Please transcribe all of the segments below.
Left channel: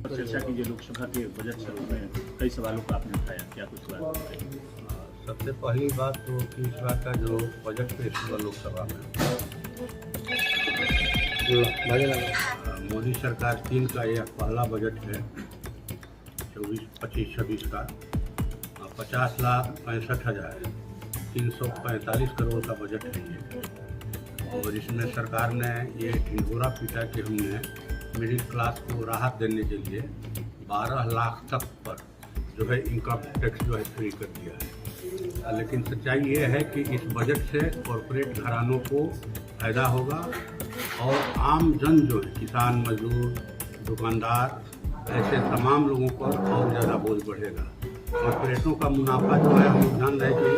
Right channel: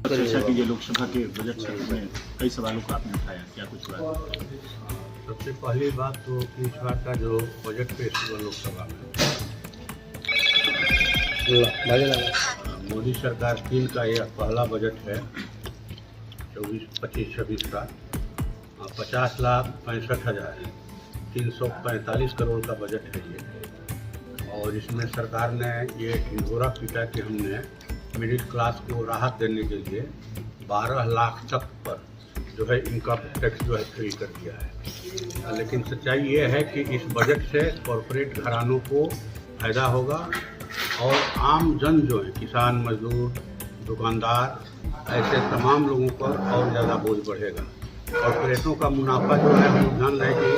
चर्चा कीजिए लोकसभा के बजट से में कई सवालों को आपने उठाया, क्या कुछ बात? सबसे पहली बात तो कि इस बार का जो बजट पेश हुआ लोकसभा में, मोदी सरकार 3 का यह पहला बजट है 24-25-26 का। 50,65,345 करोड़ का बजट है ये। और इसमें सरकार ने ये ढिंढोरा पीटा कि हमने मिडिल क्लास को राहत देने के लिए 12 लाख तक पर जो है इनकम टैक्स जो है फ्री कर दिया है। लेकिन सच्चाई ये है कि इस बजट से कॉरपोरेट घरानों को फायदा होगा और आम जन जो है किसान, मजदूर, दुकानदार, ऐसे तमाम लोगों पर और ज़्यादा बोझ बढ़ेगा। कॉरपोरेटों का मुनाफा जो है हम जान रहे हैं कि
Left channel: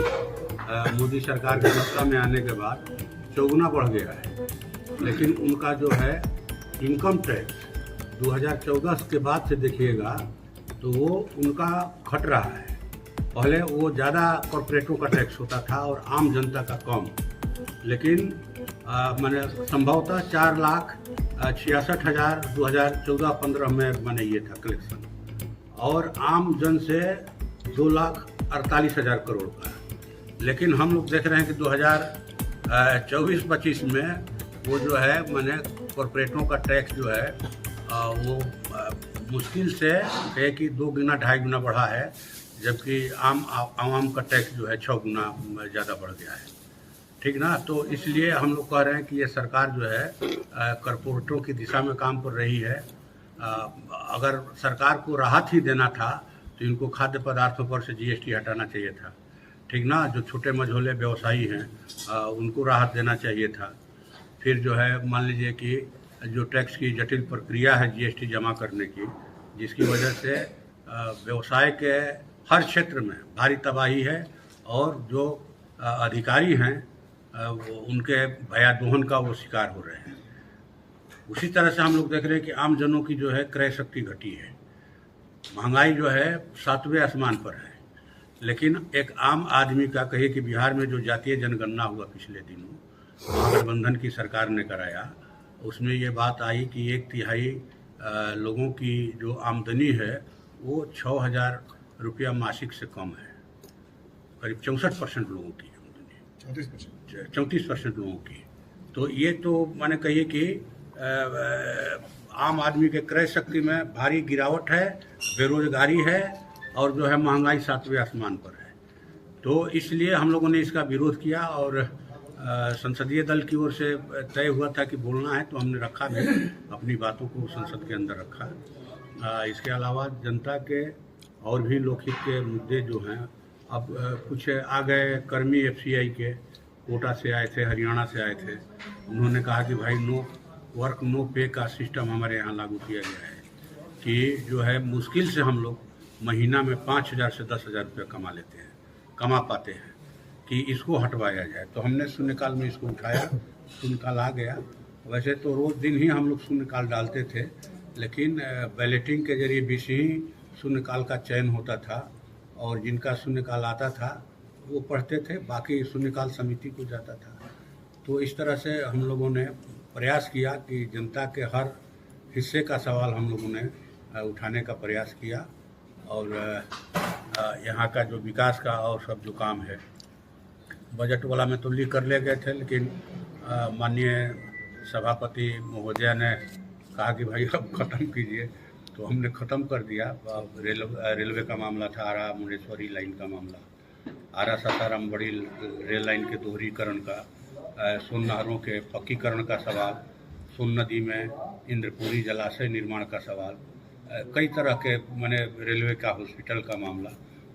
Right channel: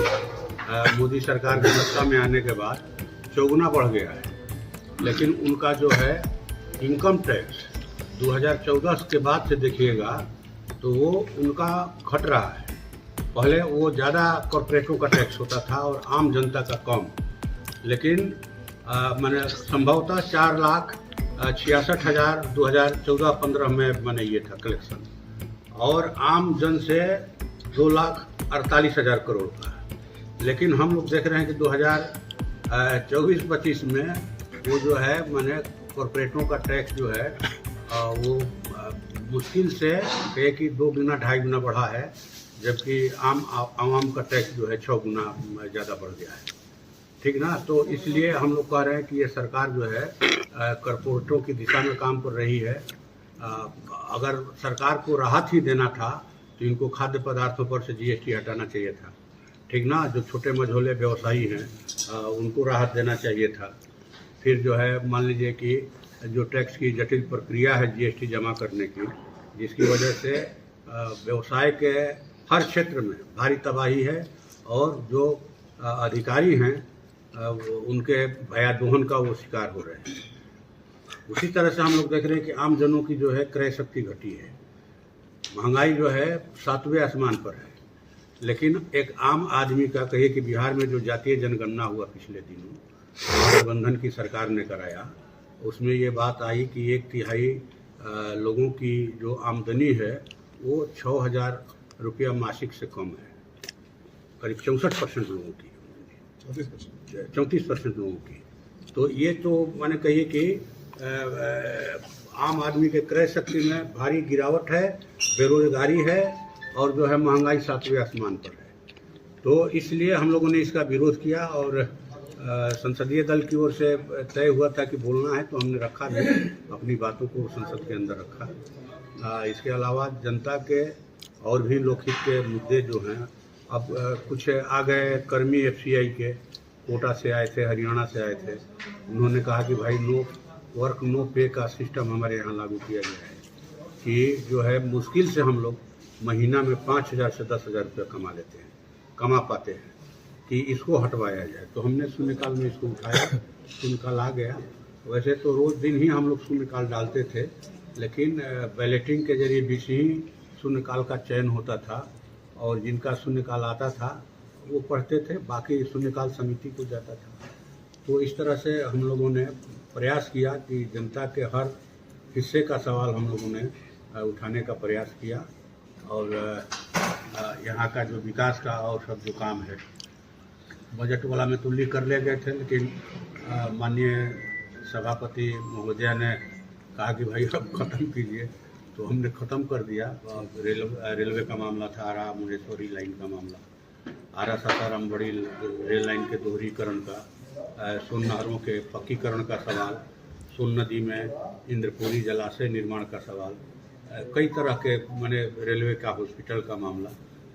मोदी सरकार के सत्ता में आने के बाद चौगुना बढ़ गया है, लेकिन उनका जो है इनकम टैक्स 2014 के बाद से देखिएगा तो वो उनका घट रहा है। पहले वो ज़्यादा कॉरपोरेटों का टैक्स होता था और आम जनता का कम, लेकिन मैंने संभवतः 4,66,000 2014-15 में मैंने ये था कलेक्शन, और आम जन से 2,48,000 करोड़ का। लेकिन हम लोग देख रहे हैं कि 2024-25 में वो जो है मैंने कॉरपोरेटों का टैक्स जो है वो मुश्किल से है कि 2 गुना 2.5 गुना बढ़ा है, जबकि आवाम का टैक्स जो है 6 गुना ज़्यादा बढ़ गया है। ठीक ना? तो इसलिए हम लोग कह रहे हैं कि ये सरकार जो है कॉरपोरेटों की दिशा में काम कर रही है। अगर सरकार को राहत ही देना था तो इनको खाद्य पदार्थों पर से GST हटाना चाहिए था। ठीक ना? जो छोटे मझोले व्यवसायी हैं उनको राहत देना चाहिए था। फिर जो है मान लीजिए कि जो टैक्स की जटिल प्रक्रिया है GST जमा करने की, जिसकी वजह से व्यवसाय के हर क्षेत्र में भारी तबाही है और जो अधिकारी हैं उनके भयादोहन का वो शिकार हो रहे हैं। उसी तरह से हम लोग देख रहे हैं कि आम जनों की जो है क्रय शक्ति घटी है, महंगाई जो है 7वें आसमान पर है। लेकिन एक आम आदमी का कहिए कि बिहार में जो जातीय जनगणना हुआ पिछले दिनों गठबंधन की सरकार ने कराया, उसमें ये बात आई कि 1/3 लोगों की जो आमदनी है वो 6,000 रुपया मासिक से कम है। करीब 64% लोगों की, 34% लोगों की। तो ये तो माने कहिए कि आम आदमी के क्रय शक्ति में भारी गिरावट है, बेरोजगारी है और जो है महंगाई 7वें आसमान पर है। तो इसलिए हम लोगों ने इसका विरोध किया और संसदीय दल की ओर से तय हुआ था कि बोलना है, तो हमने रखा भी, अपनी बातों को संसद के अंदर रखा। इसके अलावा जनता के और भी लोकहित के मुद्दे जो हैं, अब कुछ आ गए कर्मी FCI के कोटा से आए थे, हरियाणा से आए थे। उन्होंने कहा कि भाई नो वर्क नो पे का सिस्टम हमारे यहाँ लागू किया गया है कि जो है मुश्किल से हम लोग महीना में 5,000 से 10,000 रुपये कमा पाते हैं, कि इसको हटवाया जाए। तो हमने शून्यकाल में इसको उठाया, शून्यकाल आ गया। वैसे तो रोज़ दिन ही हम लोग शून्यकाल डालते थे, लेकिन बैलेटिंग के जरिए 20 ही शून्यकाल का चयन होता था और जिनका शून्यकाल आता था वो पढ़ते थे, बाकी शून्यकाल समिति को जाता था। तो इस तरह से हम लोगों ने प्रयास किया कि जनता के हर हिस्से का सवाल हम लोगों ने उठाने का प्रयास किया और यहाँ का जो विकास का और सब जो काम है बजट वाला में तो लिख कर ले गए थे, लेकिन माननीय सभापति महोदया ने कहा कि भाई अब ख़त्म कीजिए, तो हमने ख़त्म कर दिया। रेलवे का मामला था, आरा मुंडेश्वरी लाइन का मामला, आरा सासाराम बड़ी रेल लाइन के दोहरीकरण का, सोन नहरों के पक्कीकरण का सवाल, सोन नदी में इंद्रपुरी जलाशय निर्माण का सवाल, कई तरह के मैंने रेलवे का हॉस्पिटल का मामला।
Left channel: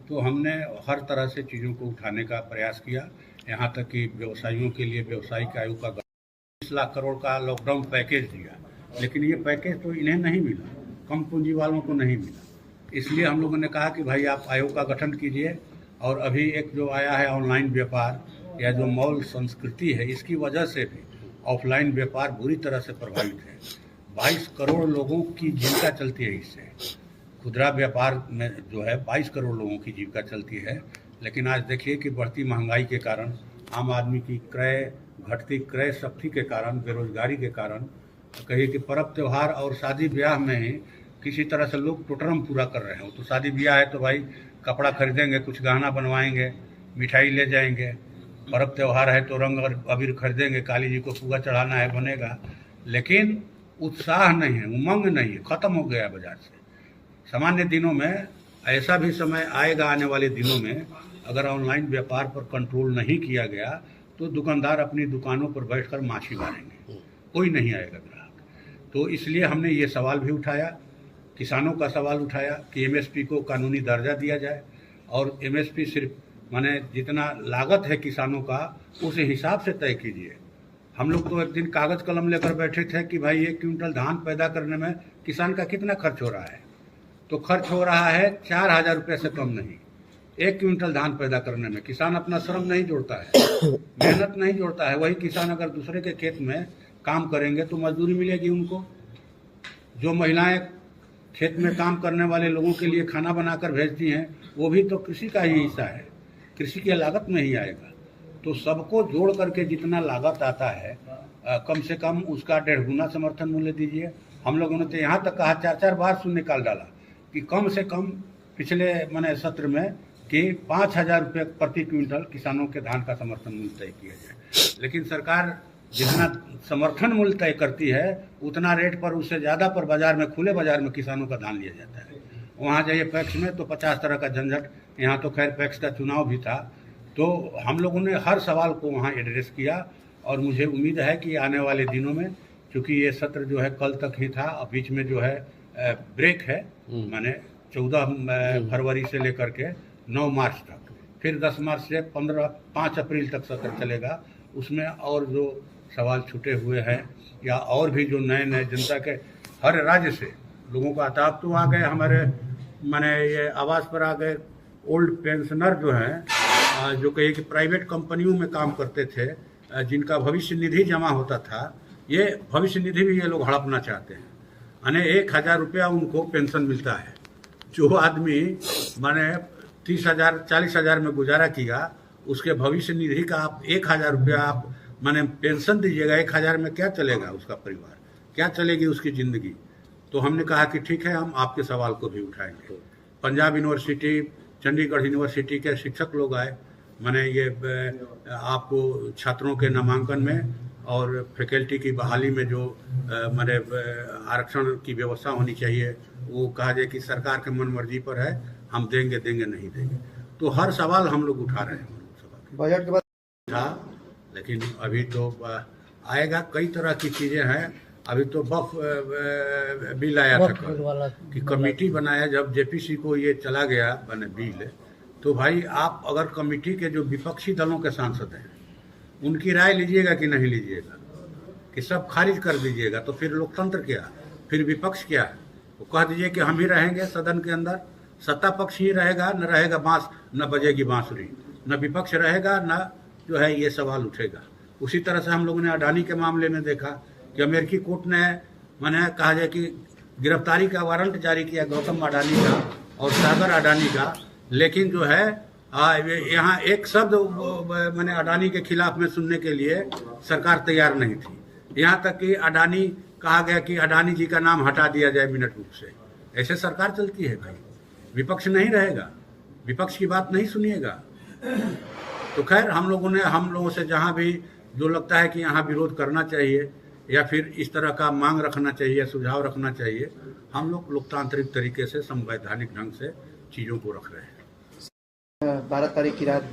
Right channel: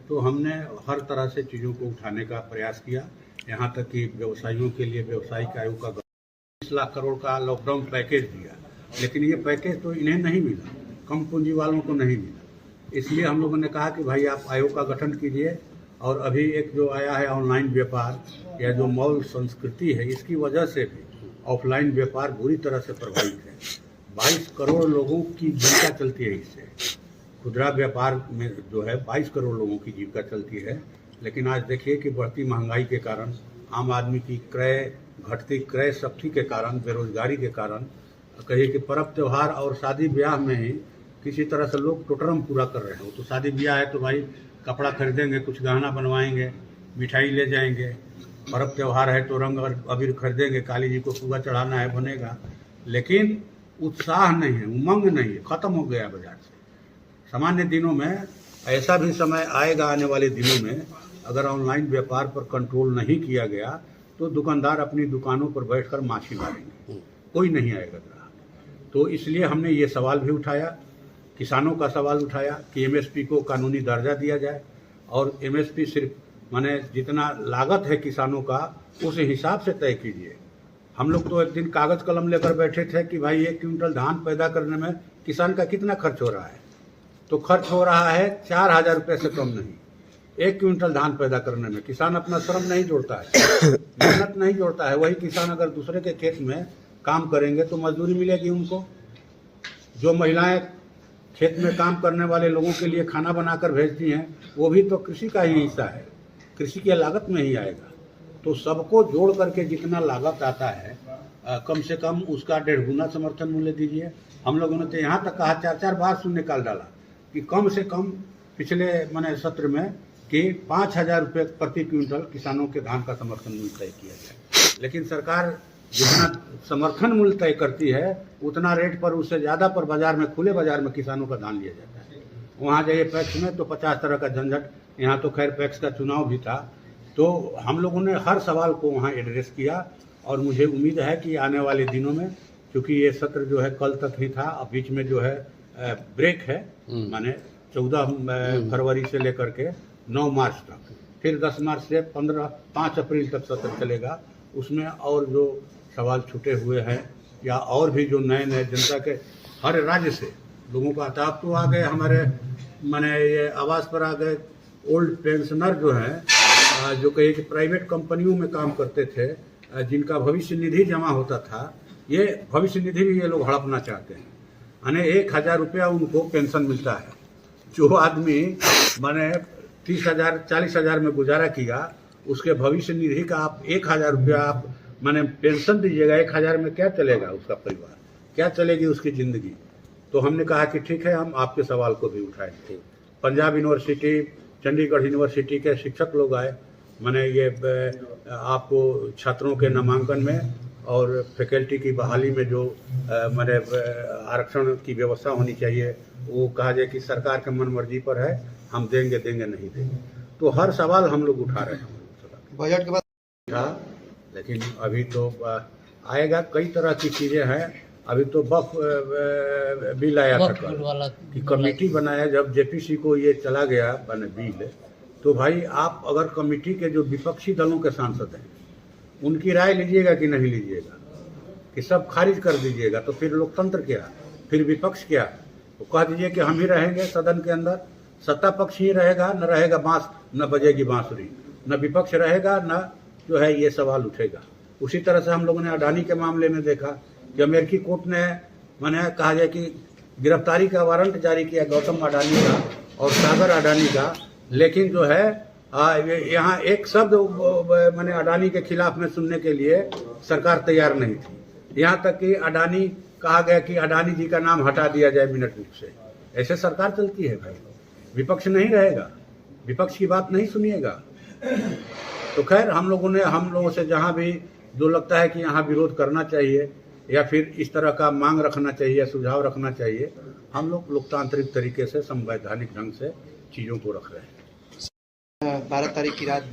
तो हमने हर तरह से चीज़ों को उठाने का प्रयास किया, यहाँ तक कि व्यवसायियों के लिए व्यवसायिक आयोग का 20 लाख करोड़ का लॉकडाउन पैकेज दिया, लेकिन ये पैकेज तो इन्हें नहीं मिला, कम पूंजी वालों को नहीं मिला। इसलिए हम लोगों ने कहा कि भाई आप आयोग का गठन कीजिए। और अभी एक जो आया है ऑनलाइन व्यापार या जो मॉल संस्कृति है, इसकी वजह से भी ऑफलाइन व्यापार बुरी तरह से प्रभावित है। 22 करोड़ लोगों की जीविका चलती है इससे। खुदरा व्यापार में जो है 22 करोड़ लोगों की जीविका चलती है, लेकिन आज देखिए कि बढ़ती महंगाई के कारण, आम आदमी की घटती क्रय शक्ति के कारण, बेरोजगारी के कारण, कहिए कि पर्व त्यौहार और शादी ब्याह में ही किसी तरह से लोग टोटरम पूरा कर रहे हैं। तो शादी ब्याह है तो भाई कपड़ा खरीदेंगे, कुछ गहना बनवाएंगे, मिठाई ले जाएंगे। पर्व त्यौहार है तो रंग और अबीर खरीदेंगे, काली जी को पुआ चढ़ाना है, बनेगा। लेकिन उत्साह नहीं है, उमंग नहीं है, खत्म हो गया बाजार से। सामान्य दिनों में ऐसा भी समय आएगा, आने वाले दिनों में अगर ऑनलाइन व्यापार पर कंट्रोल नहीं किया गया तो दुकानदार अपनी दुकानों पर बैठकर माछी मारेंगे, कोई नहीं आएगा ग्राहक। तो इसलिए हमने ये सवाल भी उठाया, किसानों का सवाल उठाया कि एमएसपी को कानूनी दर्जा दिया जाए और एमएसपी सिर्फ माने जितना लागत है किसानों का उस हिसाब से तय कीजिए। हम लोग तो एक दिन कागज कलम लेकर बैठे थे कि भाई 1 क्विंटल धान पैदा करने में किसान का कितना खर्च हो रहा है, तो खर्च हो रहा है 4,000 रुपये से कम नहीं। 1 क्विंटल धान पैदा करने में किसान अपना श्रम नहीं जोड़ता है, मेहनत नहीं जोड़ता है। वही किसान अगर दूसरे के खेत में काम करेंगे तो मजदूरी मिलेगी उनको। जो महिलाएं खेत में काम करने वाले लोगों के लिए खाना बनाकर भेजती हैं वो भी तो कृषि का ही हिस्सा है, कृषि की लागत में ही आएगा। तो सबको जोड़ करके जितना लागत आता है कम से कम उसका 1.5 गुना समर्थन मूल्य दीजिए। हम लोगों ने तो यहाँ तक कहा, 4 बार सुन निकाल डाला कि कम से कम पिछले मैंने सत्र में कि 5,000 रुपये प्रति क्विंटल किसानों के धान का समर्थन मूल्य तय किया जाए। लेकिन सरकार जितना समर्थन मूल्य तय करती है उतना रेट पर, उससे ज़्यादा पर बाजार में, खुले बाजार में किसानों का धान लिया जाता है। वहाँ जाइए पैक्स में तो 50 तरह का झंझट। यहाँ तो खैर पैक्स का चुनाव भी था, तो हम लोगों ने हर सवाल को वहाँ एड्रेस किया। और मुझे उम्मीद है कि आने वाले दिनों में, चूँकि ये सत्र जो है कल तक ही था, अब बीच में जो है ब्रेक है, माने 14 फरवरी से लेकर के 9 मार्च तक, फिर 10 मार्च से 5 अप्रैल तक सत्र चलेगा। उसमें और जो सवाल छूटे हुए हैं या और भी जो नए नए जनता के हर राज्य से लोगों का अताप तो आ गए, हमारे माने ये आवास पर आ गए। ओल्ड पेंशनर जो हैं जो कहीं कि प्राइवेट कंपनियों में काम करते थे, जिनका भविष्य निधि जमा होता था, ये भविष्य निधि भी ये लोग हड़पना चाहते हैं। यानी 1,000 रुपया उनको पेंशन मिलता है। जो आदमी माने 30,000 40,000 में गुजारा किया, उसके भविष्य निधि का आप 1,000 रुपया आप माने पेंशन दीजिएगा। 1,000 में क्या चलेगा उसका परिवार, क्या चलेगी उसकी ज़िंदगी। तो हमने कहा कि ठीक है, हम आपके सवाल को भी उठाएंगे। पंजाब यूनिवर्सिटी, चंडीगढ़ यूनिवर्सिटी के शिक्षक लोग आए, माने ये आपको छात्रों के नामांकन में और फैकल्टी की बहाली में जो माने आरक्षण की व्यवस्था होनी चाहिए, वो कहा जाए कि सरकार के मन मर्जी पर है, हम देंगे नहीं देंगे। तो हर सवाल हम लोग उठा रहे हैं। बजट के बाद था, लेकिन अभी तो आएगा। कई तरह की चीज़ें हैं। अभी तो बफ बिल आया था कल कि कमेटी बनाया। जब जेपीसी को ये चला गया बने बिल, तो भाई आप अगर कमेटी के जो विपक्षी दलों के सांसद हैं उनकी राय लीजिएगा कि नहीं लीजिएगा, कि सब खारिज कर दीजिएगा, तो फिर लोकतंत्र क्या, फिर विपक्ष क्या। तो कह दीजिए कि हम ही रहेंगे सदन के अंदर, सत्ता पक्ष ही रहेगा, न रहेगा बांस, न बजेगी बांसुरी, न विपक्ष रहेगा, न जो है ये सवाल उठेगा। उसी तरह से हम लोगों ने अडानी के मामले में देखा कि अमेरिकी कोर्ट ने मैंने कहा जाए कि गिरफ्तारी का वारंट जारी किया गौतम अडानी का और सागर अडानी का, लेकिन जो है यहाँ एक शब्द मैंने अडानी के खिलाफ में सुनने के लिए सरकार तैयार नहीं थी। यहाँ तक कि अडानी कहा गया कि अडानी जी का नाम हटा दिया जाए मिनट रूप से। ऐसे सरकार चलती है कहीं? विपक्ष नहीं रहेगा, विपक्ष की बात नहीं सुनिएगा। तो खैर हम लोगों से जहाँ भी जो लगता है कि यहाँ विरोध करना चाहिए या फिर इस तरह का मांग रखना चाहिए, सुझाव रखना चाहिए, हम लोग लोकतांत्रिक तरीके से, संवैधानिक ढंग से चीज़ों को रख रहे हैं। 12 तारीख की रात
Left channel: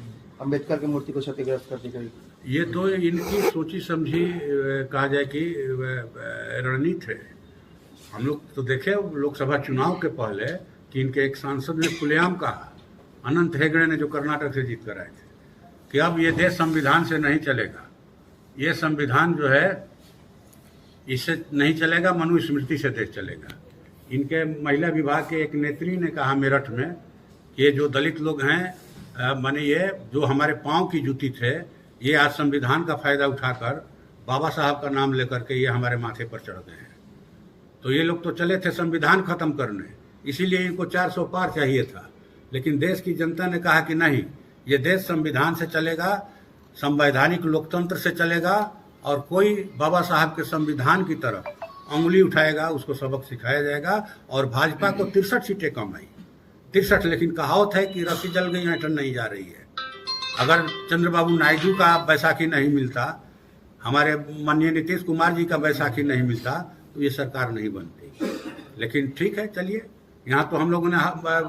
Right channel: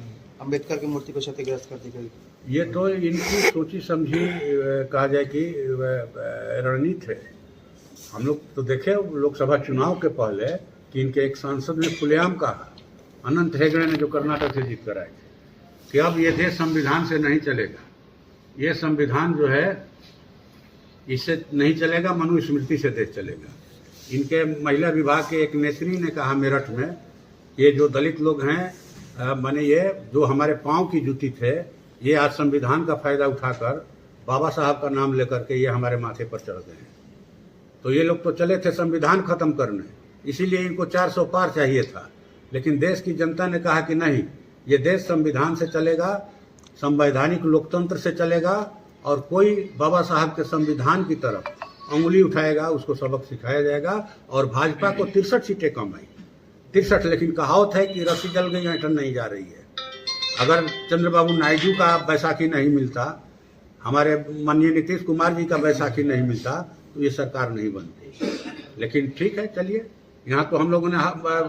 अंबेडकर की मूर्ति को क्षतिग्रस्त कर दी गई। ये तो इनकी सोची समझी कहा जाए कि रणनीति है। हम लोग तो देखे लोकसभा चुनाव के पहले कि इनके एक सांसद ने खुलेआम कहा, अनंत हेगड़े ने, जो कर्नाटक से जीत कर आए थे, कि अब ये देश संविधान से नहीं चलेगा। ये संविधान जो है इससे नहीं चलेगा, मनुस्मृति से देश चलेगा। इनके महिला विभाग के एक नेत्री ने कहा मेरठ में, ये जो दलित लोग हैं माने ये जो हमारे पाँव की जूती थे, ये आज संविधान का फायदा उठाकर बाबा साहब का नाम लेकर के ये हमारे माथे पर चढ़ गए हैं। तो ये लोग तो चले थे संविधान खत्म करने, इसीलिए इनको 400 पार चाहिए था। लेकिन देश की जनता ने कहा कि नहीं, ये देश संविधान से चलेगा, संवैधानिक लोकतंत्र से चलेगा, और कोई बाबा साहब के संविधान की तरफ उंगली उठाएगा उसको सबक सिखाया जाएगा। और भाजपा को 63 सीटें कम आई, 63, लेकिन कहावत है कि रस्सी जल गई ऐंठन नहीं जा रही है। अगर चंद्रबाबू नायडू का बैसाखी नहीं मिलता, हमारे माननीय नीतीश कुमार जी का बैसाखी नहीं मिलता, तो ये सरकार नहीं बनती। लेकिन ठीक है, चलिए, यहाँ तो हम लोगों ने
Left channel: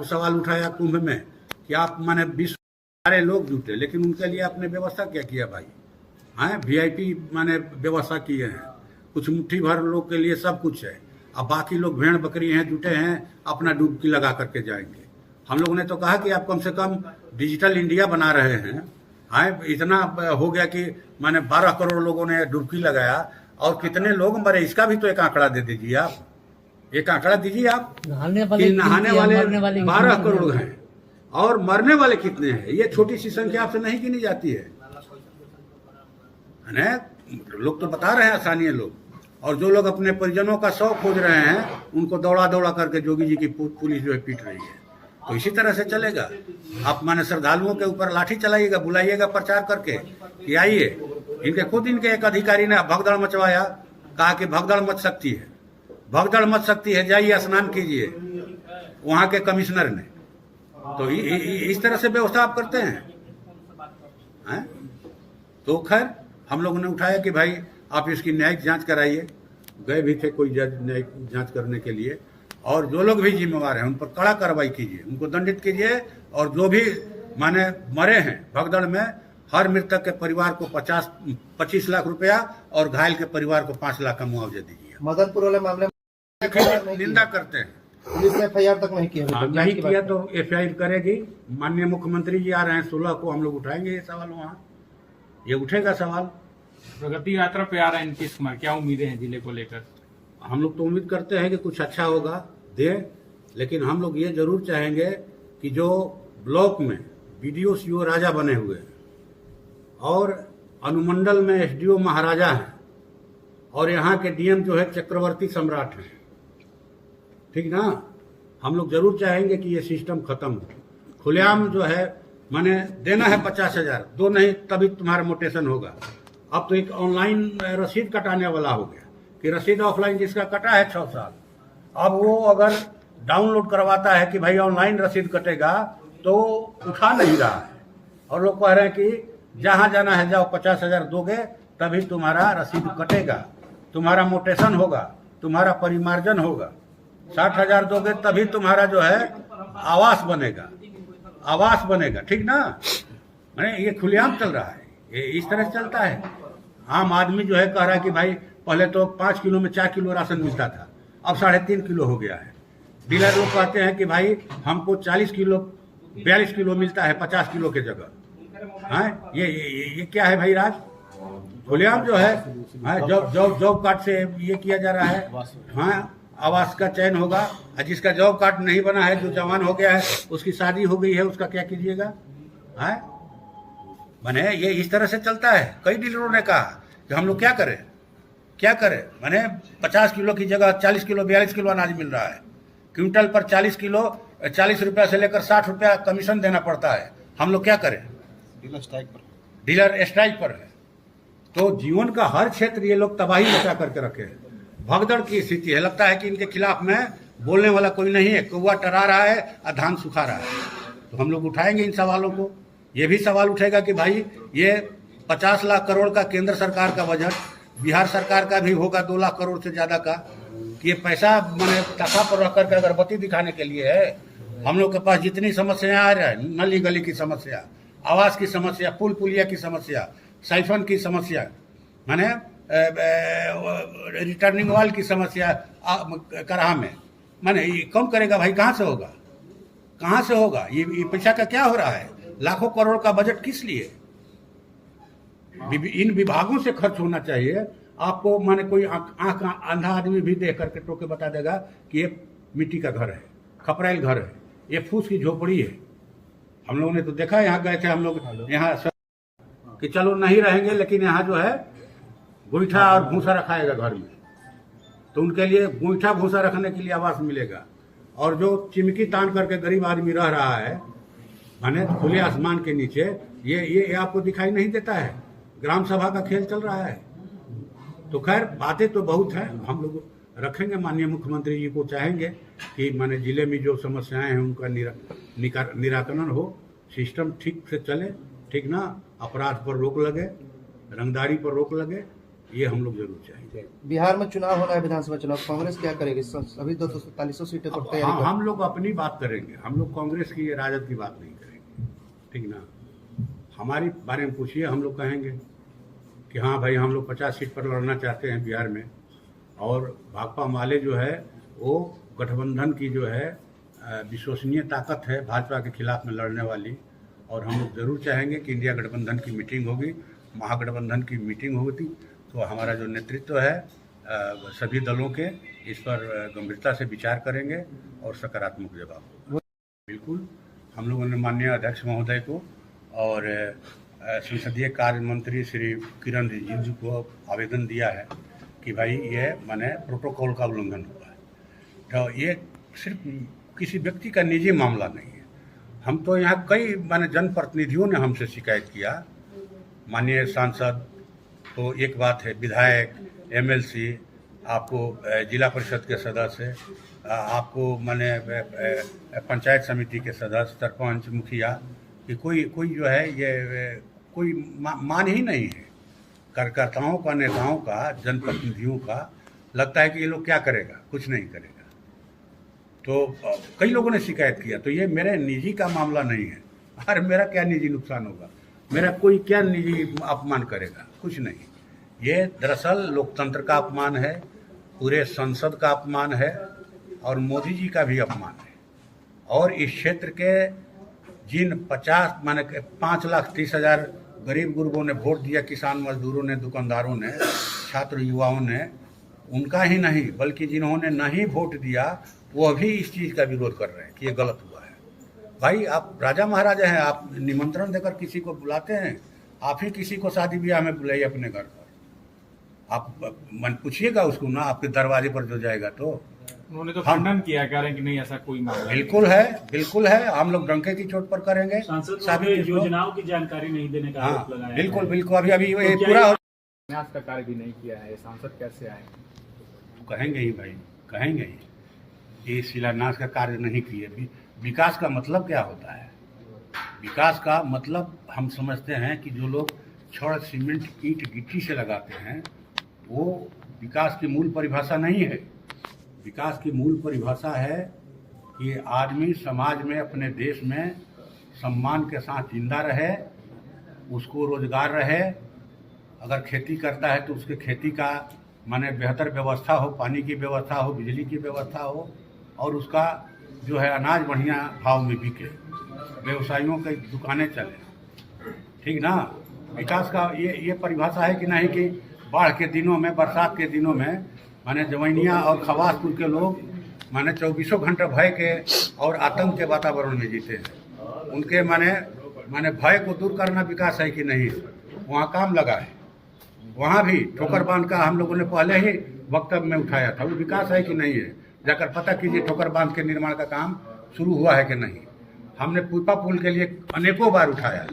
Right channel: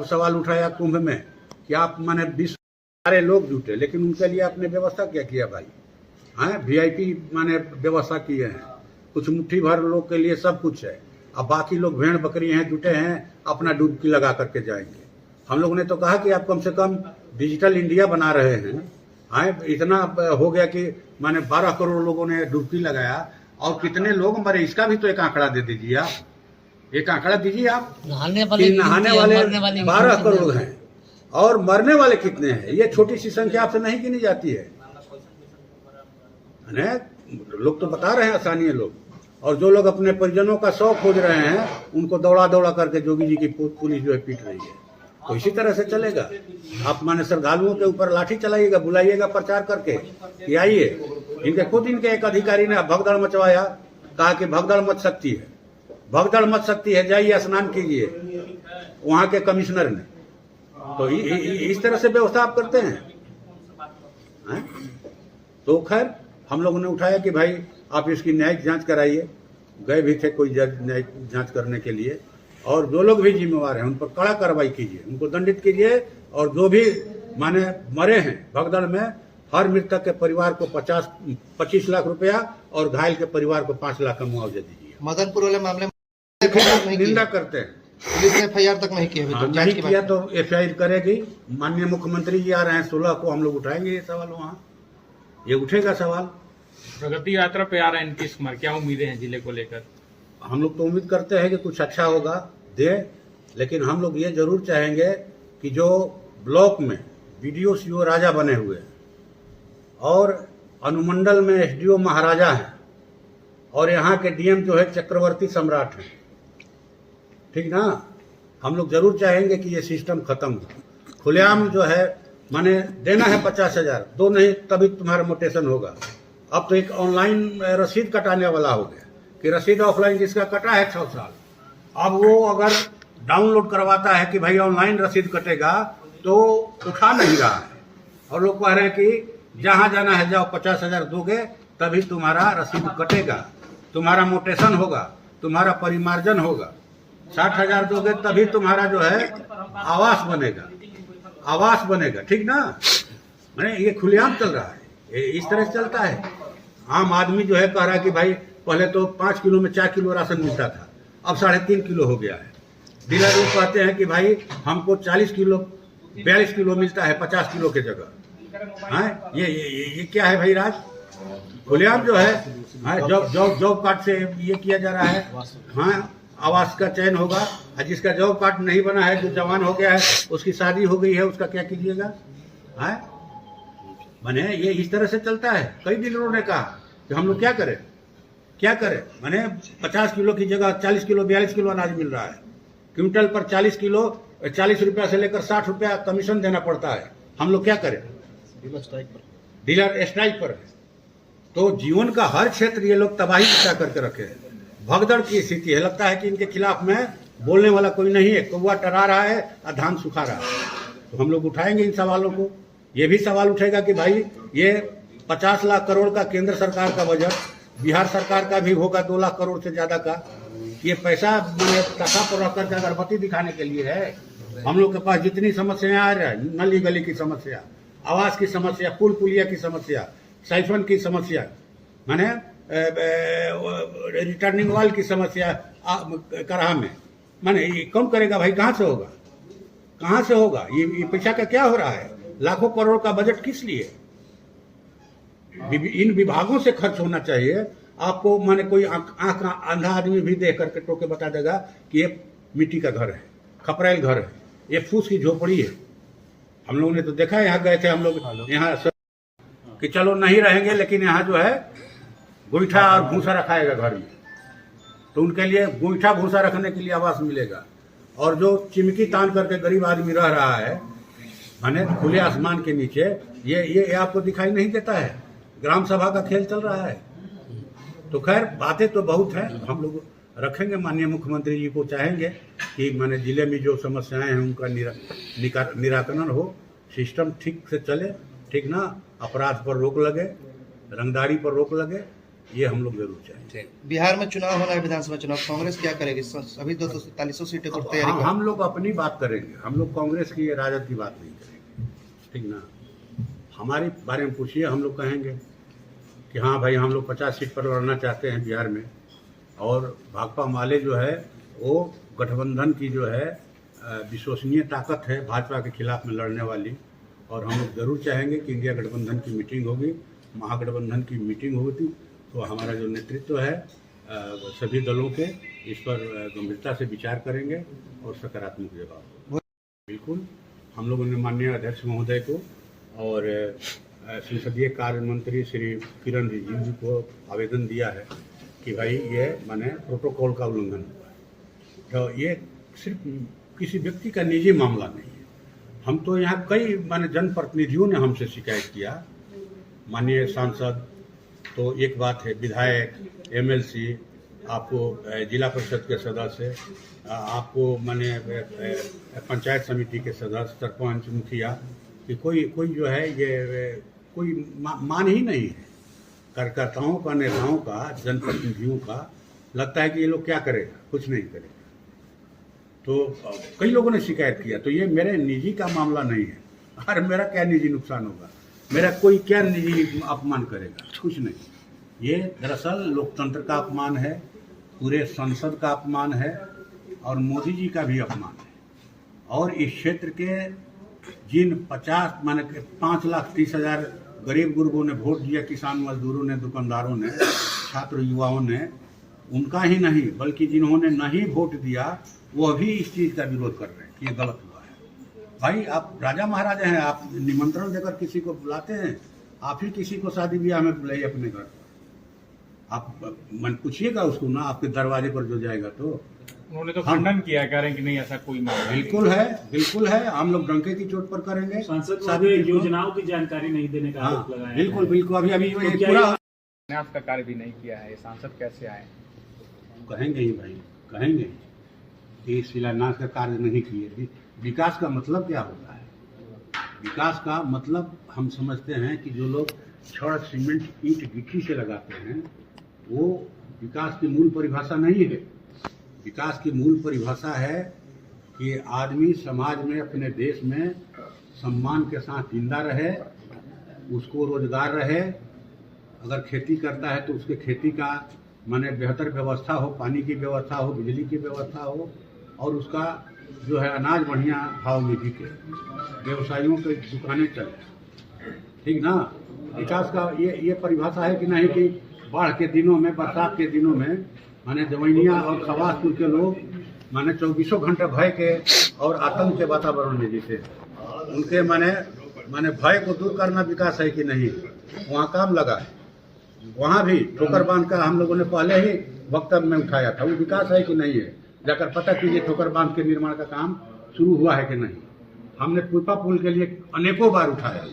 सवाल उठाया कुंभ में कि आप माने 20 सारे लोग जुटे, लेकिन उनके लिए आपने व्यवस्था क्या किया भाई? हाँ, VIP माने व्यवस्था किए हैं, कुछ मुट्ठी भर लोग के लिए सब कुछ है। अब बाकी लोग भेड़ बकरी हैं, जुटे हैं, अपना डुबकी लगा करके जाएंगे। हम लोगों ने तो कहा कि आप कम से कम डिजिटल इंडिया बना रहे हैं। हाँ, इतना हो गया कि माने 12 करोड़ लोगों ने डुबकी लगाया, और कितने लोग मरे इसका भी तो एक आंकड़ा दे दीजिए आप, एक आंकड़ा दीजिए आप। नहाने वाले 12 करोड़ हैं और मरने वाले कितने हैं? ये छोटी सी संख्या आपसे नहीं गिनी जाती है। लोग तो बता रहे हैं स्थानीय लोग, और जो लोग अपने परिजनों का शव खोज रहे हैं उनको दौड़ा दौड़ा करके जोगी जी की पुलिस जो है पीट रही है। तो इसी तरह से चलेगा। आप माने श्रद्धालुओं के ऊपर लाठी चलाइएगा, बुलाइएगा प्रचार करके कि आइए। इनके खुद इनके एक अधिकारी ने भगदड़ मचवाया, कहा कि भगदड़ मच सकती है, भगदड़ मच सकती है, जाइए स्नान कीजिए, वहां के कमिश्नर ने। तो इस तरह से व्यवस्था आप करते हैं। तो खैर हम लोगों ने उठाया कि भाई आप इसकी न्यायिक जांच कराइए। गए भी थे कोई जज न्यायिक जांच करने के लिए, और जो लोग भी जिम्मेवार हैं उन पर कड़ा कार्रवाई कीजिए, उनको दंडित कीजिए। और जो भी माने मरे हैं भगदड़ में, हर मृतक के परिवार को 25 लाख रुपया और घायल के परिवार को 5 लाख का मुआवजा दीजिए। मदनपुर वाले मामले में निंदा करते हैं। पुलिस ने FIR तक नहीं किया, तो जांच की किया बात। तो FIR करेगी। माननीय मुख्यमंत्री जी आ रहे हैं 16 को, हम लोग उठाएंगे ये सवाल, वहाँ ये उठेगा सवाल। प्रगति यात्रा पे आ रहे हैं नीतीश कुमार, क्या उम्मीदें हैं जिले को लेकर? हम लोग तो उम्मीद करते हैं कि कुछ अच्छा होगा दे, लेकिन हम लोग ये जरूर चाहेंगे कि जो ब्लॉक में BDO CO राजा बने हुए हैं और अनुमंडल में SDO महाराजा हैं और यहाँ के DM जो है चक्रवर्ती सम्राट हैं, ठीक ना, हम लोग जरूर चाहेंगे कि ये सिस्टम खत्म हो। खुलेआम जो है माने देना है 50,000, दो नहीं तभी तुम्हारा मोटेशन होगा। अब तो एक ऑनलाइन रसीद कटाने वाला हो गया कि रसीद ऑफलाइन जिसका कटा है 6 साल, अब वो अगर डाउनलोड करवाता है कि भाई ऑनलाइन रसीद कटेगा तो उठा नहीं रहा है, और लोग कह रहे हैं कि जहां जाना है जाओ, 50,000 दोगे तभी तुम्हारा रसीद कटेगा, तुम्हारा मोटेशन होगा, तुम्हारा परिमार्जन होगा, 60,000 दोगे तभी तुम्हारा जो है आवास बनेगा, आवास बनेगा, ठीक ना। मैंने ये खुलेआम चल रहा है, ये इस तरह से चलता है। आम आदमी जो है कह रहा है कि भाई पहले तो 5 किलो में 4 किलो राशन मिलता था, अब 3.5 किलो हो गया है। डीलर लोग कहते हैं कि भाई हमको 40 किलो 42 किलो मिलता है 50 किलो के जगह। हाँ, ये क्या है भाई राज? खुलेआम जो है, हाँ, जॉब कार्ड से ये किया जा रहा है। हाँ, आवास का चयन होगा, और जिसका जॉब कार्ड नहीं बना है, जो जवान हो गया है, उसकी शादी हो गई है, उसका क्या कीजिएगा? हाँ, मैंने ये इस तरह से चलता है। कई डीलरों ने कहा कि हम लोग क्या करें, क्या करें। मैंने 50 किलो की जगह 40 किलो 42 किलो अनाज मिल रहा है, क्विंटल पर 40 किलो 40 रुपया से लेकर 60 रुपया कमीशन देना पड़ता है। हम लोग क्या करें? डीलर स्ट्राइक पर है। तो जीवन का हर क्षेत्र ये लोग तबाही मचा करके रखे हैं, भगदड़ की स्थिति है। लगता है कि इनके खिलाफ में बोलने वाला कोई नहीं है, कौवा टरा रहा है और धान सुखा रहा है। तो हम लोग उठाएंगे इन सवालों को। ये भी सवाल उठेगा कि भाई ये 50 लाख करोड़ का केंद्र सरकार का बजट, बिहार सरकार का भी होगा 2 लाख करोड़ से ज्यादा का। ये पैसा मैंने टका पर रख करके अगरबत्ती दिखाने के लिए है। हम लोग के पास जितनी समस्याएं आ रही है, नली गली की समस्या, आवास की समस्या, पुल पुलिया की समस्या, साइफन की समस्या, मैंने रिटर्निंग वाल की समस्या कराहा में, मैंने ये कम करेगा भाई? कहाँ से होगा, कहाँ से होगा? ये पैसा का क्या हो रहा है? लाखों करोड़ का बजट किस लिए? इन विभागों से खर्च होना चाहिए। आपको माने कोई आंख अंधा आदमी भी देख करके टोके बता देगा कि ये मिट्टी का घर है, खपराइल घर है, ये फूस की झोपड़ी है। हम लोगों ने तो देखा, यहाँ गए थे हम लोग, यहाँ कि चलो नहीं रहेंगे, लेकिन यहाँ जो है गोईठा और भूसा रखाएगा घर में, तो उनके लिए गोईठा भूसा रखने के लिए आवास मिलेगा। और जो चिमकी तान करके गरीब आदमी रह रहा है माने खुले आसमान के नीचे, ये आपको दिखाई नहीं देता है। ग्राम सभा का खेल चल रहा है। तो खैर बातें तो बहुत है, हम लोग रखेंगे। माननीय मुख्यमंत्री जी को चाहेंगे कि माने जिले में जो समस्याएं हैं उनका निराकरण हो, सिस्टम ठीक से चले, ठीक ना, अपराध पर रोक लगे, रंगदारी पर रोक लगे, ये हम लोग जरूर चाहेंगे। बिहार में चुनाव होना है, विधानसभा चुनाव, कांग्रेस क्या करेगी? अभी 247 सीटों पर तैयारी कर हम लोग अपनी बात करेंगे, हम लोग कांग्रेस की राजद की बात नहीं करेंगे, ठीक ना। हमारे बारे में पूछिए, हम लोग कहेंगे कि हाँ भाई हम लोग 50 सीट पर लड़ना चाहते हैं बिहार में, और भाकपा माले जो है वो गठबंधन की जो है विश्वसनीय ताकत है भाजपा के खिलाफ में लड़ने वाली, और हम लोग जरूर चाहेंगे कि इंडिया गठबंधन की मीटिंग होगी, महागठबंधन की मीटिंग होगी, तो हमारा जो नेतृत्व है सभी दलों के इस पर गंभीरता से विचार करेंगे और सकारात्मक जवाब। बिल्कुल, हम लोगों ने माननीय अध्यक्ष महोदय को और संसदीय कार्य मंत्री श्री किरण रिजिजू को आवेदन दिया है कि भाई ये माने प्रोटोकॉल का उल्लंघन हुआ है, तो ये सिर्फ किसी व्यक्ति का निजी मामला नहीं है। हम तो यहाँ कई माने जनप्रतिनिधियों ने हमसे शिकायत किया, माननीय सांसद तो एक बात है, विधायक, एमएलसी, आपको जिला परिषद के सदस्य, आपको माने पंचायत समिति के सदस्य, सरपंच, मुखिया, कि कोई जो है ये कोई मान ही नहीं है कार्यकर्ताओं का, नेताओं का, जनप्रतिनिधियों का। लगता है कि ये लोग क्या करेगा, कुछ नहीं करेगा। तो कई लोगों ने शिकायत किया, तो ये मेरे निजी का मामला नहीं है। अरे मेरा क्या निजी नुकसान होगा, मेरा कोई क्या निजी अपमान करेगा, कुछ नहीं। ये दरअसल लोकतंत्र का अपमान है, पूरे संसद का अपमान है, और मोदी जी का भी अपमान है। और इस क्षेत्र के जिन 5,30,000 गरीब गुरबों ने वोट दिया, किसान मजदूरों ने, दुकानदारों ने, छात्र युवाओं ने, उनका ही नहीं बल्कि जिन्होंने नहीं वोट दिया वो भी इस चीज़ का विरोध कर रहे हैं कि ये गलत हुआ है। भाई आप राजा महाराजा हैं, आप निमंत्रण देकर किसी को बुलाते हैं, आप ही किसी को शादी ब्याह में बुलाइए अपने घर पर, आप मन पूछिएगा उसको ना, आपके दरवाजे पर जो जाएगा। तो उन्होंने तो खंडन किया, कह रहे हैं कि नहीं ऐसा कोई मामला बिल्कुल है, बिल्कुल है, हम लोग डंके की चोट पर करेंगे। सांसद योजनाओं की जानकारी नहीं देने का आरोप लगाया। बिल्कुल बिल्कुल, अभी तो पूरा न्यास का कार्य भी नहीं किया है, सांसद कैसे आए? कहेंगे ही भाई, कहेंगे ही कि शिलान्यास का कार्य नहीं किए। विकास का मतलब क्या होता है? विकास का मतलब हम समझते हैं कि जो लोग छड़, सीमेंट, ईंट, गिट्टी से लगाते हैं वो विकास की मूल परिभाषा नहीं है। विकास की मूल परिभाषा है कि आदमी समाज में, अपने देश में सम्मान के साथ जिंदा रहे, उसको रोजगार रहे, अगर खेती करता है तो उसके खेती का माने बेहतर व्यवस्था हो, पानी की व्यवस्था हो, बिजली की व्यवस्था हो, और उसका जो है अनाज बढ़िया भाव में बिके, व्यवसायियों की दुकानें चले, ठीक ना। विकास का ये परिभाषा है कि नहीं कि बाढ़ के दिनों में, बरसात के दिनों में माने जवैनिया और खवासपुर के लोग माने 24 घंटे भय के और आतंक के वातावरण में जीते हैं। उनके माने भय को दूर करना विकास है कि नहीं? वहाँ काम लगा है, वहाँ भी ठोकर बांध का हम लोगों ने पहले ही वक्तव्य में उठाया था, वो विकास है कि नहीं है? जाकर पता कीजिए ठोकर बांध के निर्माण का काम शुरू हुआ है कि नहीं। हमने पुष्पा पुल के लिए अनेकों बार उठाया,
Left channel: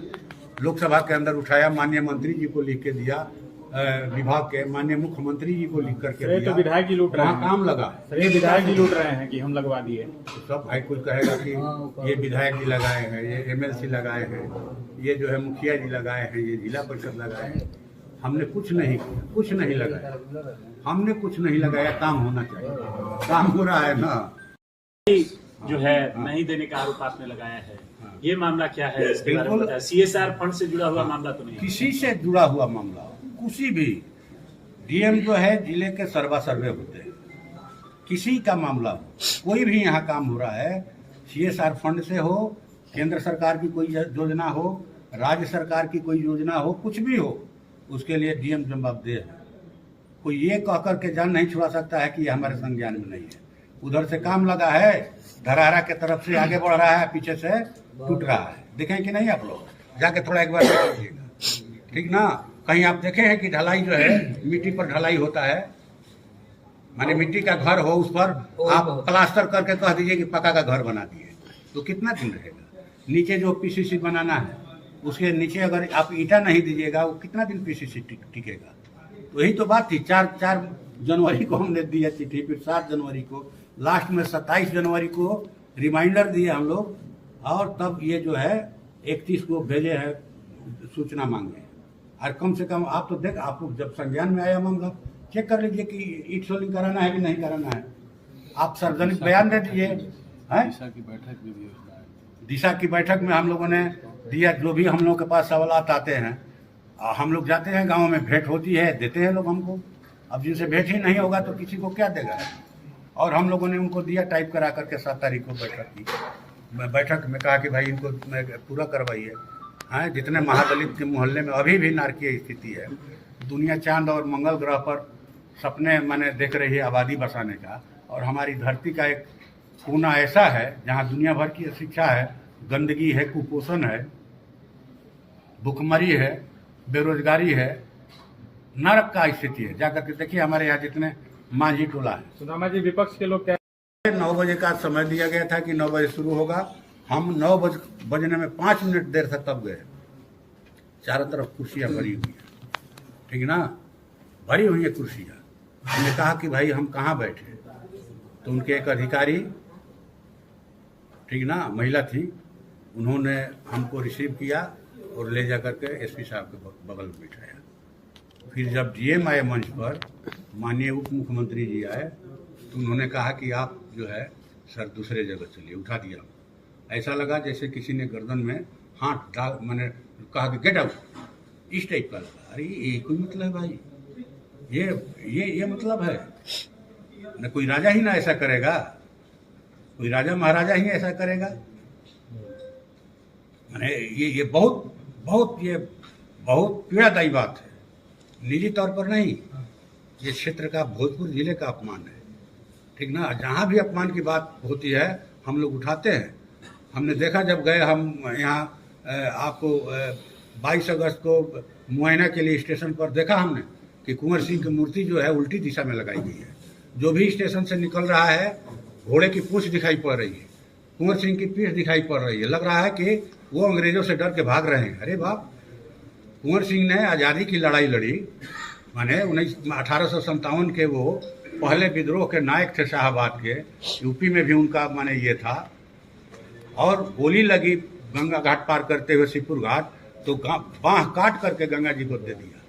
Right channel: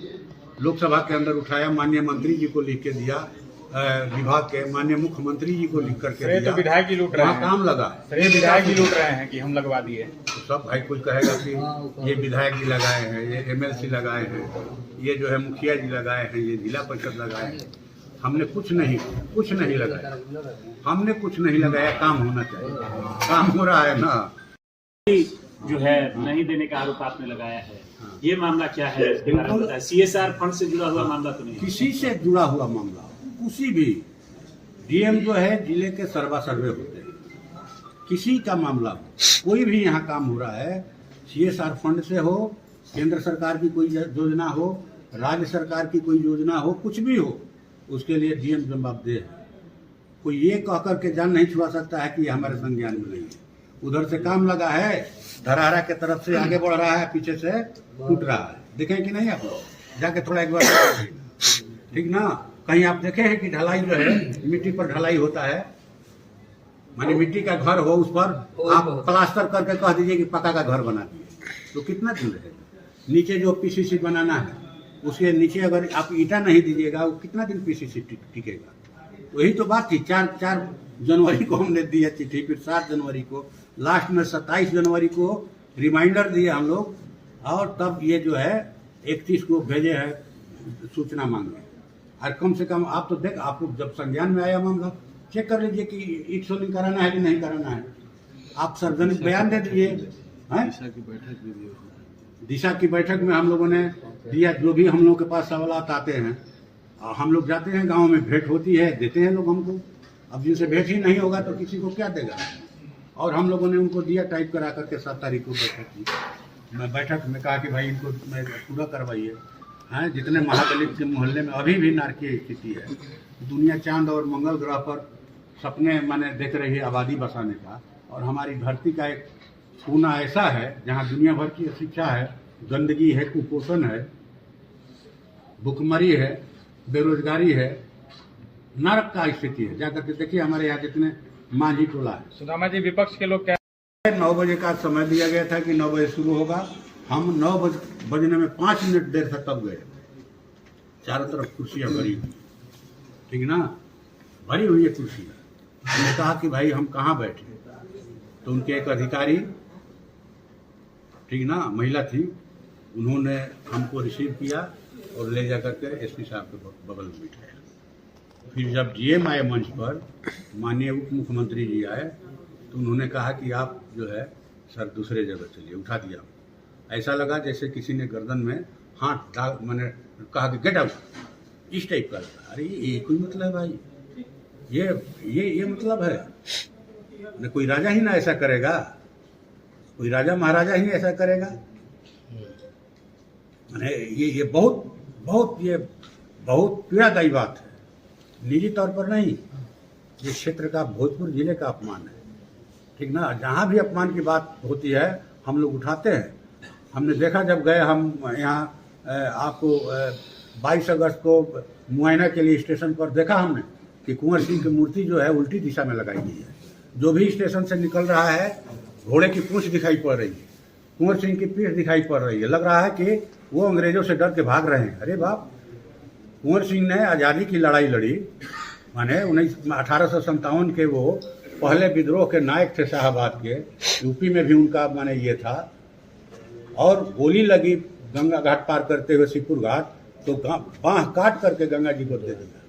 लोकसभा के अंदर उठाया, माननीय मंत्री जी को लिख के दिया, विभाग के माननीय मुख्यमंत्री जी को लिख करके दिया। तो विधायक जी लूट रहे हैं, काम लगा, विधायक जी लूट रहे हैं कि हम लगवा दिए। तो सब भाई कुछ कहेगा कि ये विधायक जी लगाए हैं, ये एमएलसी लगाए हैं, ये जो है मुखिया जी लगाए हैं, ये जिला परिषद लगाए हैं। हमने कुछ नहीं लगाया, हमने कुछ नहीं लगाया। काम होना चाहिए, काम हो रहा है ना। जो है नहीं देने का आरोप आपने लगाया है, ये मामला क्या है? बिल्कुल CSR फंड से जुड़ा हुआ मामला तो नहीं? किसी से जुड़ा हुआ मामला, किसी भी डीएम जो है जिले के सर्वा सर्वे होते हैं, किसी का मामला हो, कोई भी यहाँ काम हो रहा है, CSR फंड से हो, केंद्र सरकार की कोई योजना हो, राज्य सरकार की कोई योजना हो, कुछ भी हो, उसके लिए डीएम जवाबदेह है। कोई ये कह करके जान नहीं छुड़ा सकता है कि ये हमारे संज्ञान में नहीं है। उधर से काम लगा है, धरहरा के तरफ से आगे बढ़ रहा है, पीछे से टूट रहा है। देखें कि नहीं आप लोग? जाके थोड़ा एक बार ठीक ना, कहीं आप देखे हैं कि ढलाई जो है मिट्टी पर ढलाई होता है, माने मिट्टी का घर हो, उस पर आप प्लास्टर करके कह दीजिए कि पक्का का घर बना दिए, तो कितना दिन रहेगा? नीचे जो PCC बनाना है उसके नीचे अगर आप ईंटा नहीं दीजिएगा, वो कितना दिन PCC टिकेगा? तो यही तो बात थी। 4 जनवरी को हमने दी है चिट्ठी, फिर 7 जनवरी को, लास्ट में 27 जनवरी को रिमाइंडर दिए हम लोग, और तब ये जो है 31 को भेजे हैं सूचना मांगे। और कम से कम आप तो देख, आपको जब संज्ञान में आया मामला, चेक कर लीजिए कि ईट सोलिंग कराना है कि नहीं कराना है। आप सार्वजनिक बयान दे दीजिए। दिशा की बैठक में हम लोगों ने दिया, जो भी हम लोगों के पास सवालात आते हैं, हम लोग जाते हैं गांव में, भेंट होती है, देते हैं लोग हमको। अब जिनसे भेंट ही नहीं होगा तो किसी को क्या देगा। और हम लोगों ने उनको दिया टाइप करा करके 7 तारीख को बैठक की। मैं बैठक में कहा कि भाई इनको पूरा करवाइए। हाँ, जितने महादलित के मोहल्ले में अभी भी नारकीय स्थिति है। दुनिया चांद और मंगल ग्रह पर सपने माने देख रही है आबादी बसाने का, और हमारी धरती का एक कोना ऐसा है जहाँ दुनिया भर की शिक्षा है, गंदगी है, कुपोषण है, भुखमरी है, बेरोजगारी है, नरक का स्थिति है। जाकर के देखिए हमारे यहाँ जितने मांझी टोला है। सुदामा जी, विपक्ष के लोग 9 बजे का समय दिया गया था कि 9 बजे शुरू होगा। हम 9 बजने में 5 मिनट देर से तब गए। चारों तरफ कुर्सियां भरी हुई है, ठीक ना, भरी हुई है कुर्सियां। हमने कहा कि भाई हम कहाँ बैठे, तो उनके एक अधिकारी, ठीक ना, महिला थी, उन्होंने हमको रिसीव किया और ले जा करके एसपी साहब के बगल में बिठाया। फिर जब जीएम आए मंच पर, माननीय उप मुख्यमंत्री जी आए, तो उन्होंने कहा कि आप जो है सर दूसरे जगह चलिए, उठा दिया। ऐसा लगा जैसे किसी ने गर्दन में हाथ डाल, मैंने कहा कि गेट आउट, इस टाइप का लगा। अरे ये कोई मतलब है भाई, ये मतलब है न, कोई राजा ही ना ऐसा करेगा, कोई राजा महाराजा ही ऐसा करेगा। ये बहुत पीड़ादायी बात है। निजी तौर पर नहीं, ये क्षेत्र का, भोजपुर जिले का अपमान है, ठीक ना। जहाँ भी अपमान की बात होती है हम लोग उठाते हैं। हमने देखा जब गए हम यहाँ, आपको 22 अगस्त को मुआयना के लिए स्टेशन पर देखा हमने कि कुंवर सिंह की मूर्ति जो है उल्टी दिशा में लगाई गई है। जो भी स्टेशन से निकल रहा है, घोड़े की पूंछ दिखाई पड़ रही है, कुंवर सिंह की पीठ दिखाई पड़ रही है। लग रहा है कि वो अंग्रेजों से डर के भाग रहे हैं। अरे बाप, कुंवर सिंह ने आज़ादी की लड़ाई लड़ी, माने 1857 के वो पहले विद्रोह के नायक थे शाहाबाद के। यूपी में भी उनका माने ये था, और गोली लगी गंगा घाट पार करते हुए शिवपुर घाट, तो बाँह काट करके गंगा जी को दे दिया।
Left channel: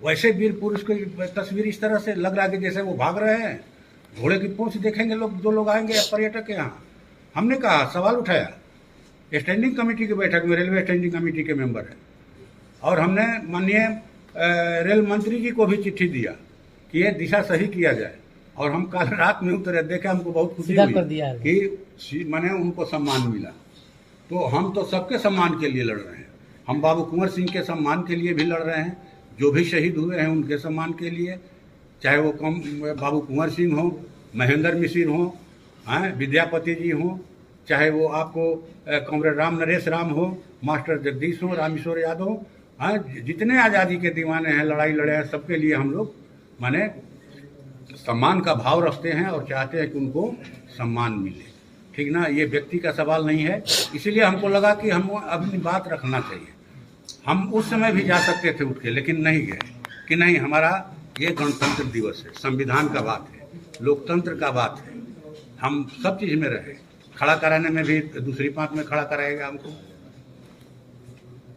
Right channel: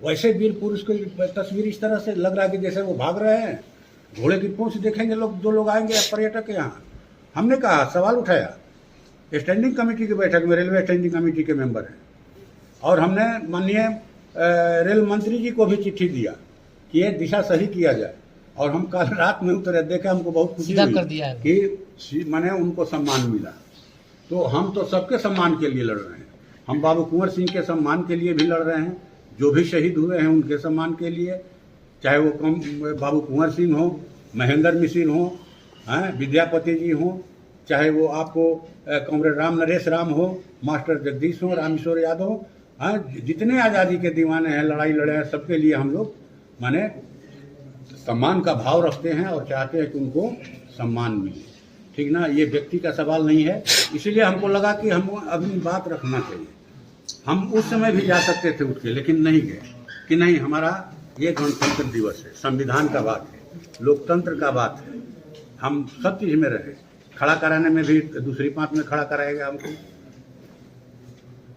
वैसे वीर पुरुष की तस्वीर इस तरह से लग रहा है कि जैसे वो भाग रहे हैं। घोड़े की पूंछ देखेंगे लोग, जो लोग आएंगे पर्यटक यहाँ। हमने कहा, सवाल उठाया, स्टैंडिंग कमेटी की बैठक में, रेलवे स्टैंडिंग कमेटी के मेंबर हैं, और हमने माननीय रेल मंत्री जी को भी चिट्ठी दिया कि ये दिशा सही किया जाए। और हम कल रात में उतरे, देखे, हमको बहुत खुशी हुई कि मैंने उनको सम्मान मिला। तो हम तो सबके सम्मान के लिए लड़ रहे हैं। हम बाबू कुंवर सिंह के सम्मान के लिए भी लड़ रहे हैं, जो भी शहीद हुए हैं उनके सम्मान के लिए, चाहे वो बाबू कुंवर सिंह हो, महेंद्र मिसिर हो, विद्यापति जी हो, चाहे वो आपको कॉमरेड राम नरेश राम हो, मास्टर जगदीश हो, रामेश्वर यादव, जितने आज़ादी के दीवाने हैं, लड़ाई लड़े हैं, सबके लिए हम लोग माने सम्मान का भाव रखते हैं और चाहते हैं कि उनको सम्मान मिले, ठीक ना। ये व्यक्ति का सवाल नहीं है, इसीलिए हमको लगा कि हम अपनी बात रखना चाहिए। हम उस समय भी जा सकते थे उठ के, लेकिन नहीं गए कि नहीं, हमारा ये गणतंत्र दिवस है, संविधान का बात है, लोकतंत्र का बात है, हम सब चीज़ में रहे। खड़ा कराने में भी दूसरी पांत में खड़ा कराएगा हमको,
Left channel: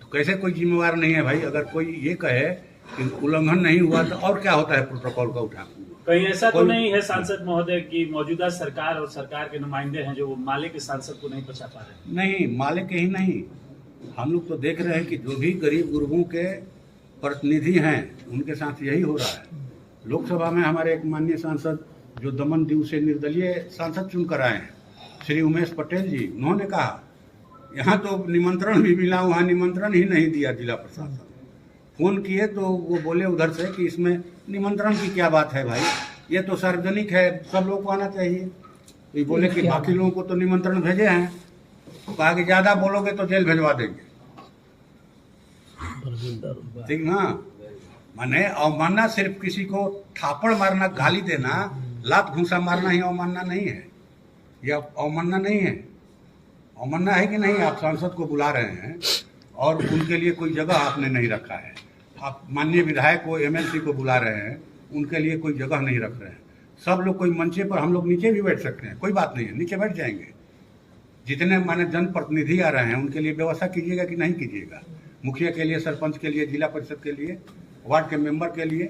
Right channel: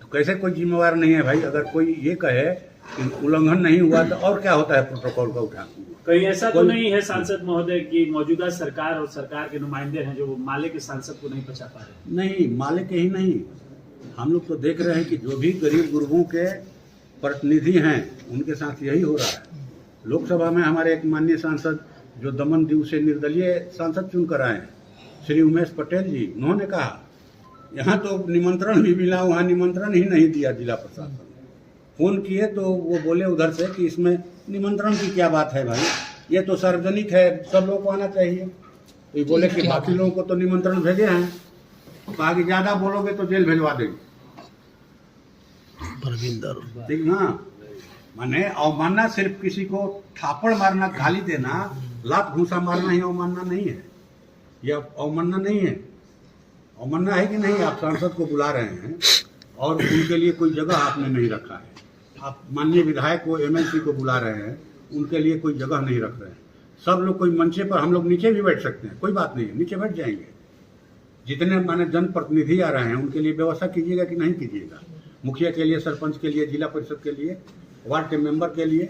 तो कैसे कोई जिम्मेवार नहीं है भाई। अगर कोई ये कहे कि उल्लंघन नहीं हुआ तो और क्या होता है प्रोटोकॉल का उठाना। कहीं ऐसा तो नहीं है सांसद महोदय की मौजूदा सरकार और सरकार के नुमाइंदे हैं जो माले के सांसद को नहीं बचा पा रहे? नहीं, माले के ही नहीं, हम लोग तो देख रहे हैं कि जो भी गरीब गुरबों के प्रतिनिधि हैं उनके साथ यही हो रहा है। लोकसभा में हमारे एक माननीय सांसद जो दमन दीव से निर्दलीय सांसद चुनकर आए हैं, श्री उमेश पटेल जी, उन्होंने कहा यहाँ तो निमंत्रण भी मिला, वहाँ निमंत्रण ही नहीं दिया जिला प्रशासन। फोन किए तो वो बोले उधर से कि इसमें निमंत्रण की क्या बात है भाई, ये तो सार्वजनिक है, सब लोगों को आना चाहिए। तो ये बोले कि बाकी लोगों को तो निमंत्रण भेजे हैं, कहा कि ज्यादा बोलोगे तो जेल भेजवा देंगे, ठीक ना। माने अवमानना सिर्फ किसी को थापड़ मारना, गाली देना, लात घूंसा मारना ही अवमानना नहीं है। ये अवमानना नहीं है। अवमानना है कि नहीं, आप सांसद को बुला रहे हैं और उनके लिए कोई जगह आपने नहीं रखा है, आप माननीय विधायक को एमएलसी को बुला रहे हैं, उनके लिए कोई जगह नहीं रख रहे हैं। सब लोग कोई मंचे पर, हम लोग नीचे भी बैठ सकते हैं, कोई बात नहीं है, नीचे बैठ जाएंगे। जितने माने जनप्रतिनिधि आ रहे हैं उनके लिए व्यवस्था कीजिएगा कि नहीं कीजिएगा, मुखिया के लिए, सरपंच के लिए, जिला परिषद के लिए, वार्ड के मेंबर के लिए।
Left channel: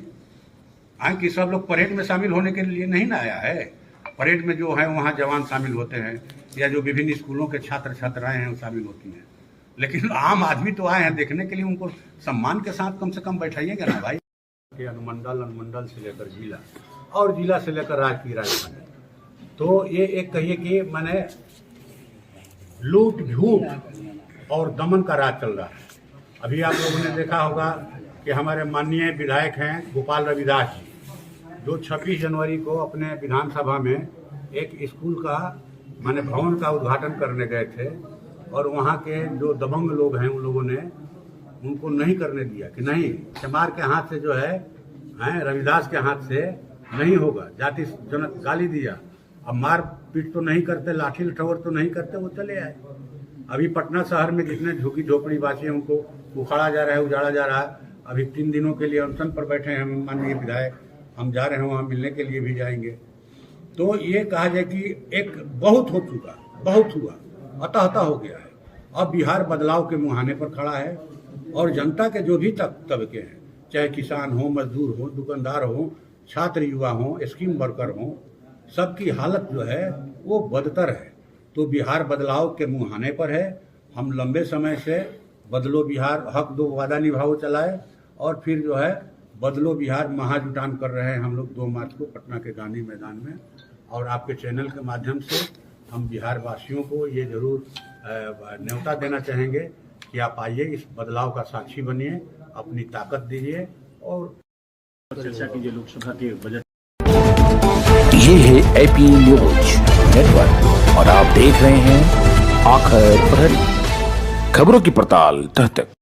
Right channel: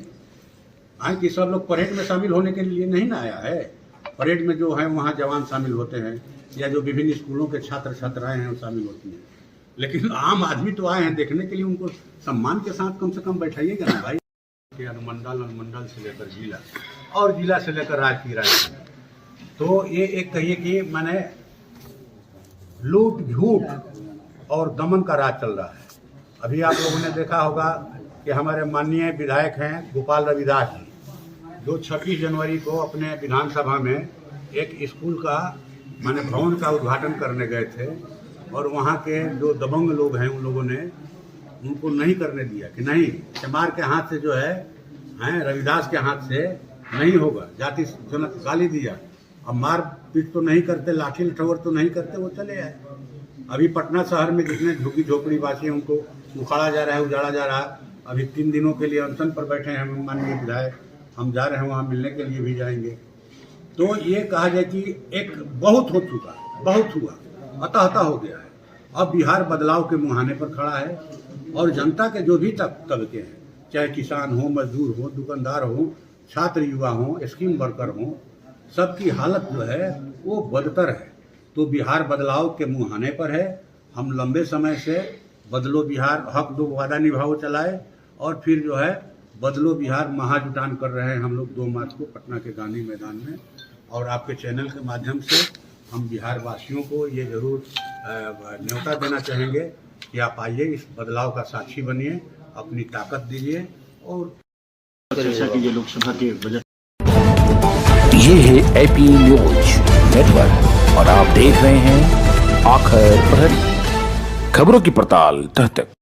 कि सब लोग परेड में शामिल होने के लिए नहीं ना आया है। परेड में जो है वहाँ जवान शामिल होते हैं या जो विभिन्न स्कूलों के छात्र छात्राएं हैं वो शामिल होती हैं, लेकिन आम आदमी तो आए हैं देखने के लिए, उनको सम्मान के साथ कम से कम बैठाइएगा ना भाई। अनुमंडल से लेकर जिला और जिला से लेकर राज्य की राजधानी, तो ये एक कहिए कि मैंने लूट झूठ और दमन का राज चल रहा है। अभी आप लोगों ने देखा होगा कि हमारे माननीय विधायक हैं गोपाल रविदास जी, जो 26 जनवरी को अपने विधानसभा में एक स्कूल का माने भवन का उद्घाटन करने गए थे, और वहाँ के जो दबंग लोग हैं उन लोगों ने उनको नहीं करने दिया कि नहीं, चमार के हाथ से जो है रविदास के हाथ से नहीं होगा। जाति जनक गाली दिया। अब मार पीट तो नहीं करते, लाठी लठौर तो नहीं करते, वो चले आए। अभी पटना शहर में जितने झुग्गी झोपड़ी वासी हैं उनको उखाड़ा जा रहा है, उजाड़ा जा रहा है। अभी 3 दिनों के लिए अनशन पर बैठे हैं हम माननीय विधायक, हम जा रहे हैं वहाँ मिलने के लिए भी जाएंगे। तो ये कहा जाए कि एक बहुत हो चुका, बहुत हुआ, अतः हो गया है। अब बिहार बदलाव के मुहाने पर खड़ा है, और जनता के जो भी तबके हैं, चाहे किसान हो, मजदूर हो, दुकानदार हो, छात्र युवा हो, स्कीम वर्कर हो, सबकी हालत जो है वो बदतर है। तो बिहार बदलाव के मुहाने पर है। हम लंबे समय से बदलो बिहार, हक दो वादा निभाओ चलाए, और फिर जो है बदलो बिहार महाजुटान कर रहे हैं हम लोग 2 मार्च को पटना के गांधी मैदान में। और आपके चैनल के माध्यम से हम बिहार वासियों को ये जरूर न्योता देना चाहेंगे कि आप आइए, इस बदलाव का साक्षी बनिए, अपनी ताकत दीजिए। और लोकसभा के बजट ये है एपी न्यूज नेटवर्क और आप देख रहे हैं आखिर प्रहरी, खबरों की पड़ताल तह तक।